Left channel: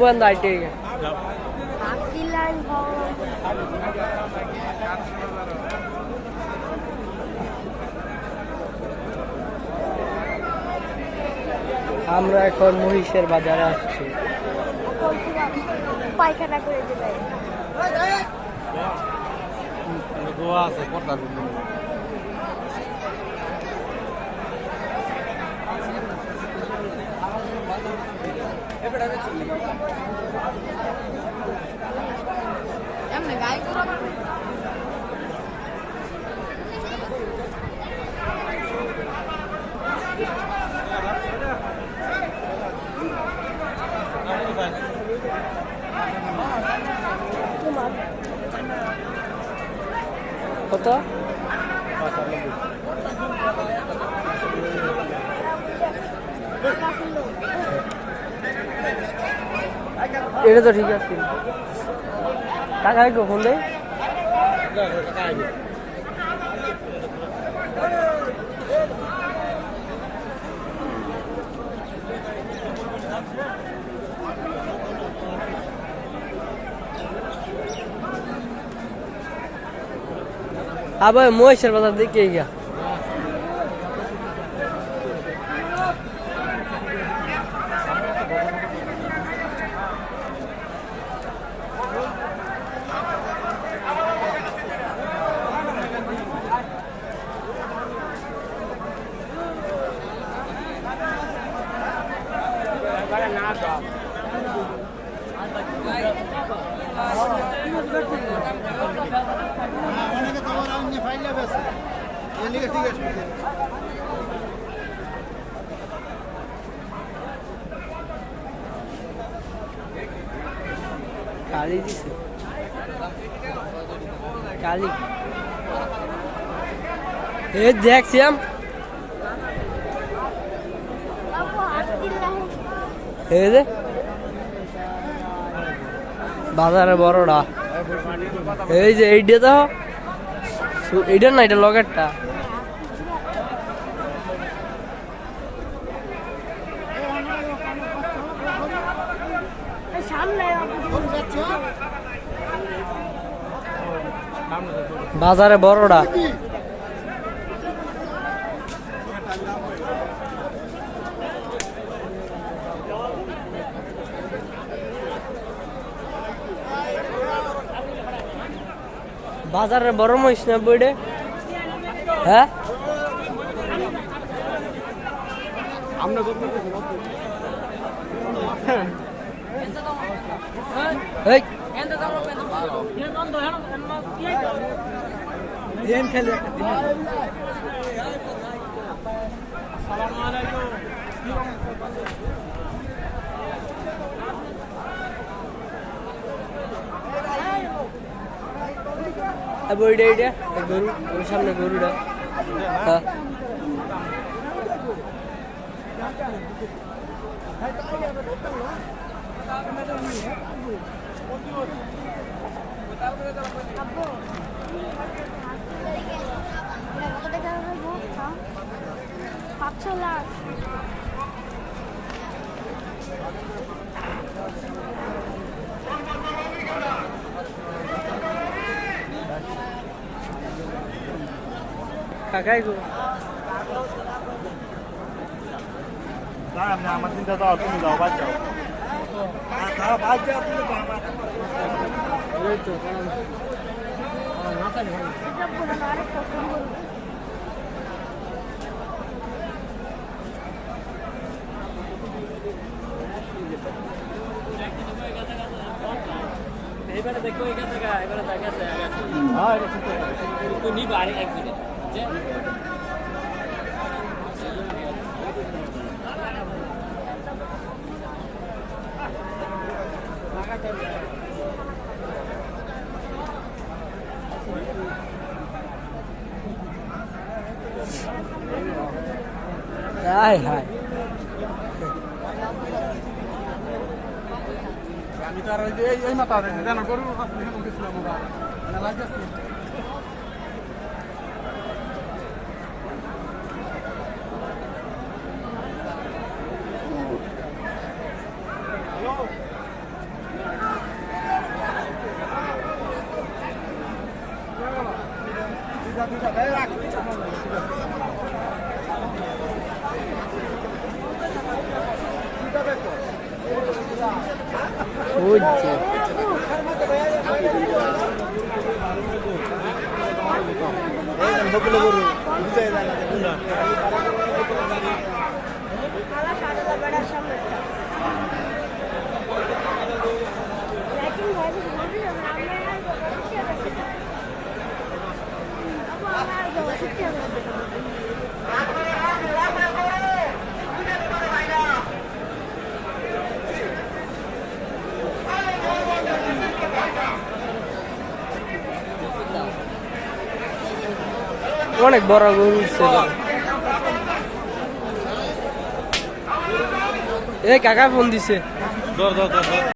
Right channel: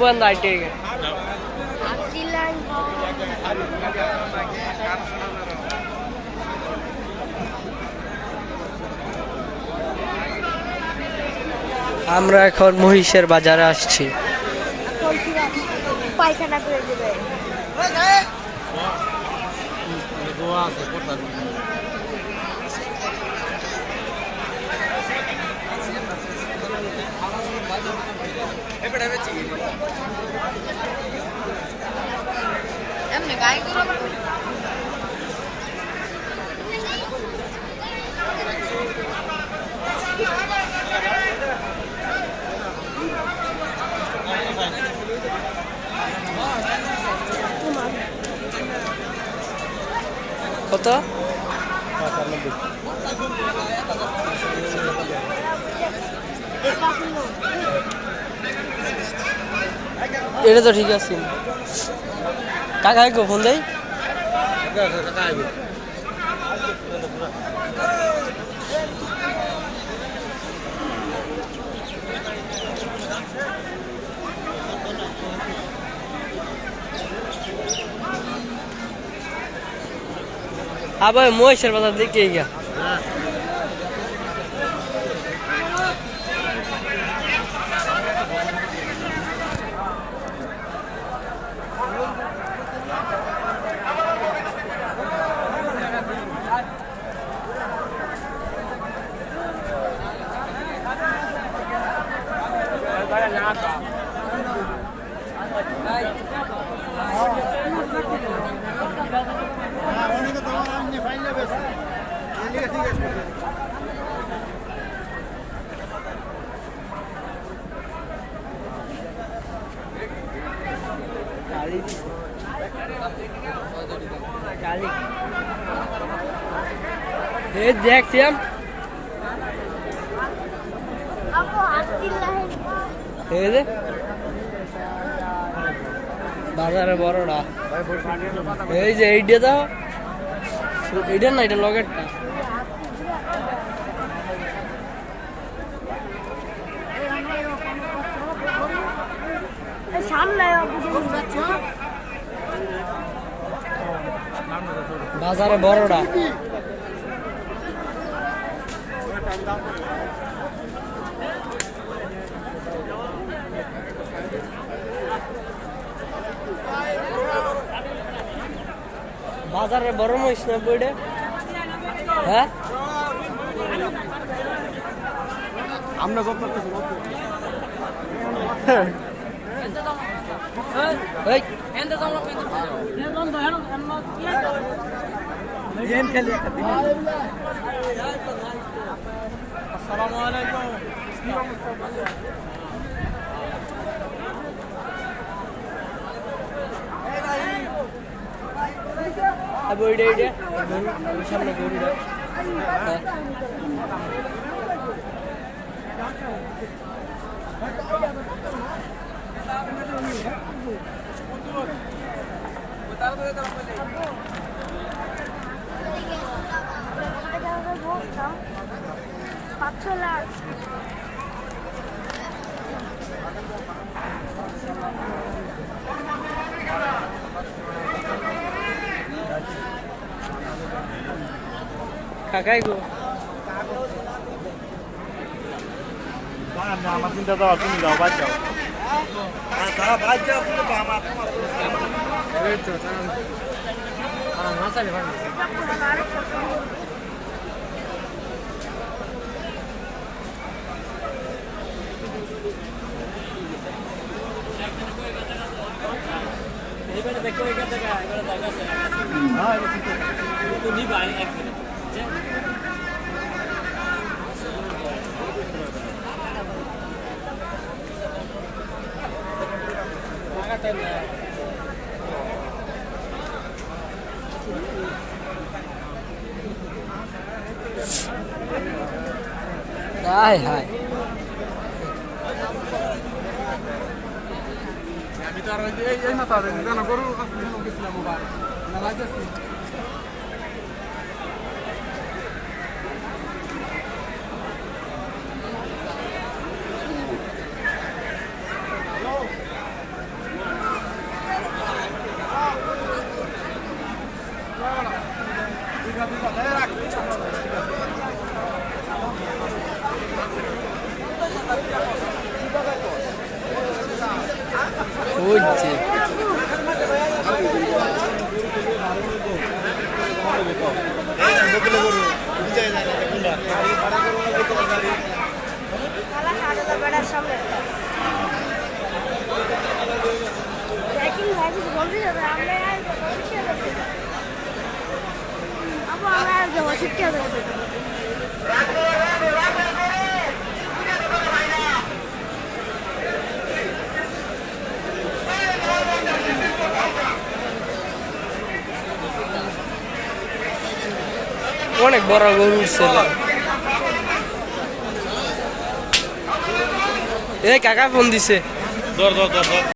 বন্ধ ঠিক আমরা এখন মহিষের বাজারে আসছি। পায়খানা করে দেবে এমনি গায়ে করে কত? এটা তো ঠিক আছে। টাকা ফোন দেয় আবার মহিষের বাজার দিকে গিয়া কালি দিছে কালি দেখছিলাম বাজারে বড়টা এই যে এইটা তো এইটা না এটা লগেরটা বাজারে বড়টা বাজারে বড় মহিষ না বইডে হ্যাঁ আমরা খেলে বইডে এইটা গরু সামনে গরুটা হ্যাঁ কাকাই গো আমার চিন্তা তো তুমি যাও বাদ যাও বাদ যাও কিন্তু এবারে দেখো এটা থেকে এবারে দেখা আছে হ্যাঁ এটা ঠিক আছে তো নিবা এক মিনিট যে হাই হাই এই না তাদের জানা গরু দিছিলাম ওরা না লাগছে হ্যালো হচ্ছে অনেক বড় গরু উঠছে এ কাকা ফোন দিছে।